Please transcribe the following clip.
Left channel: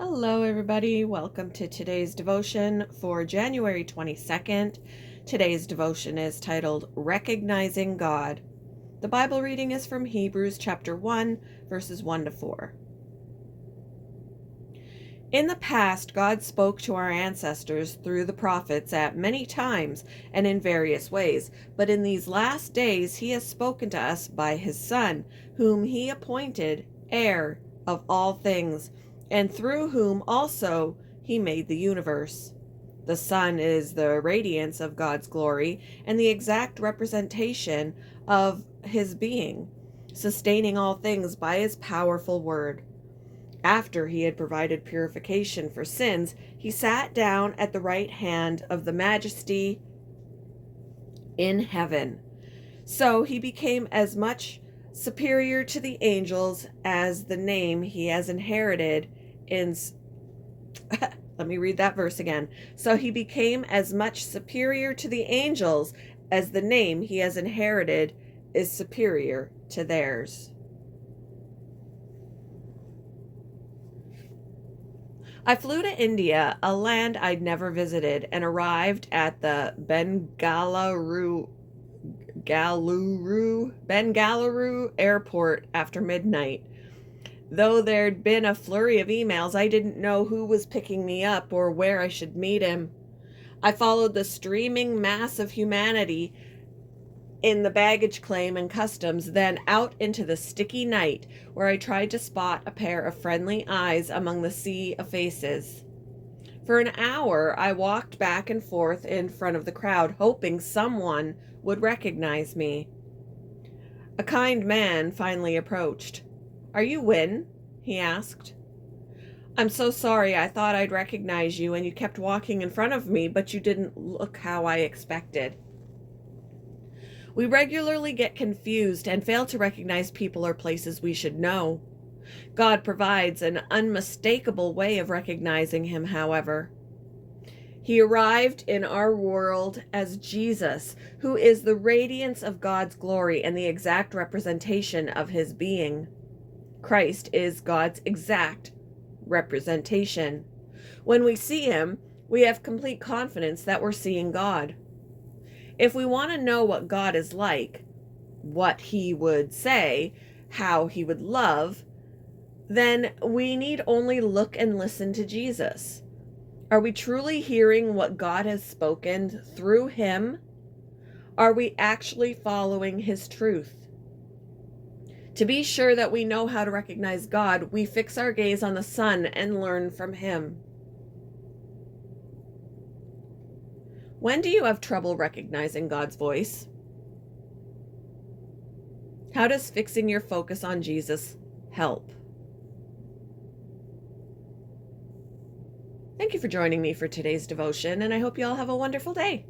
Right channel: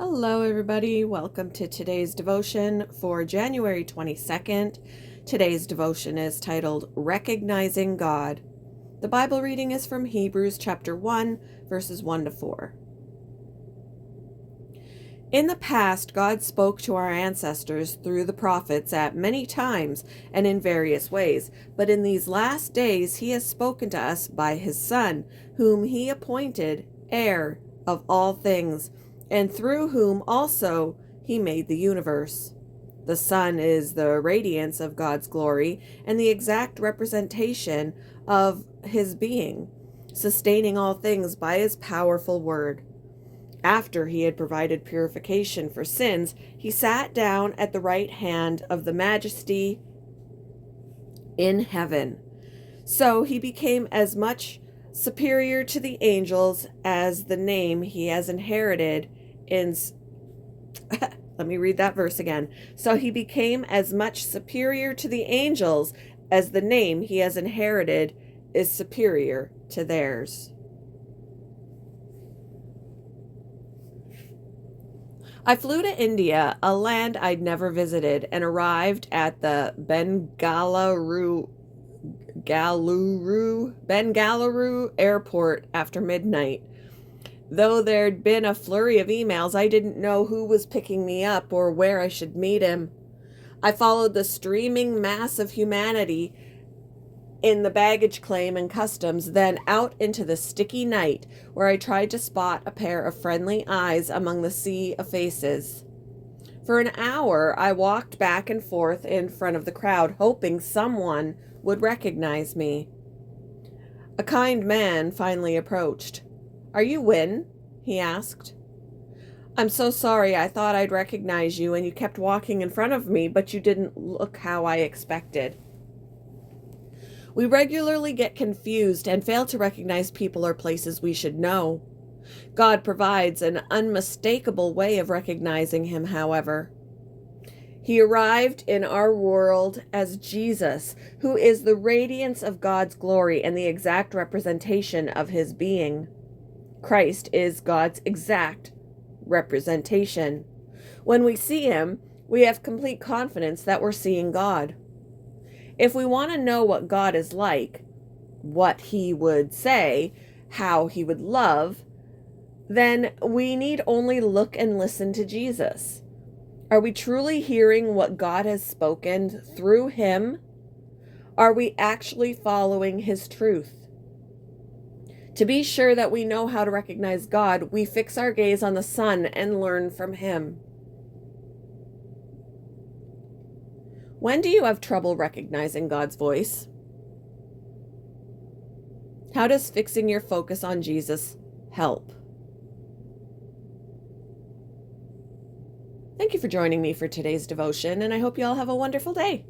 Hello, everybody. Welcome to today's devotion for January 22nd. Today's devotion is titled Recognizing God. The Bible reading is from Hebrews chapter 1, verses 1 to 4. In the past, God spoke to our ancestors through the prophets at many times and in various ways, but in these last days he has spoken to us by his Son, whom he appointed heir of all things, and through whom also he made the universe. The Son is the radiance of God's glory and the exact representation of his being, sustaining all things by his powerful word. After he had provided purification for sins, he sat down at the right hand of the Majesty in heaven. So he became as much superior to the angels as the name he has inherited in let me read that verse again. So he became as much superior to the angels as the name he has inherited is superior to theirs. I flew to India, a land I'd never visited, and arrived at the Bengaluru airport after midnight. Though there'd been a flurry of emails, I didn't know who was picking me up or where I should meet him. I followed the streaming mass of humanity in the baggage claim and customs, then out into the sticky night, where I tried to spot a pair of friendly eyes among the sea of faces. For an hour, I walked back and forth in front of the crowd, hoping someone would recognize me. A kind man finally approached. "Are you Win?" he asked. "I'm so sorry. I thought I'd recognize you, and you kept walking in front of me, but you didn't look how I expected." We regularly get confused and fail to recognize people or places we should know. God provides an unmistakable way of recognizing him, however. He arrived in our world as Jesus, who is the radiance of God's glory and the exact representation of his being. Christ is God's exact representation. When we see him, we have complete confidence that we're seeing God. If we want to know what God is like, what he would say, how he would love, then we need only look and listen to Jesus. Are we truly hearing what God has spoken through him? Are we actually following his truth? To be sure that we know how to recognize God, we fix our gaze on the Son and learn from him. When do you have trouble recognizing God's voice? How does fixing your focus on Jesus help? Thank you for joining me for today's devotion, and I hope you all have a wonderful day.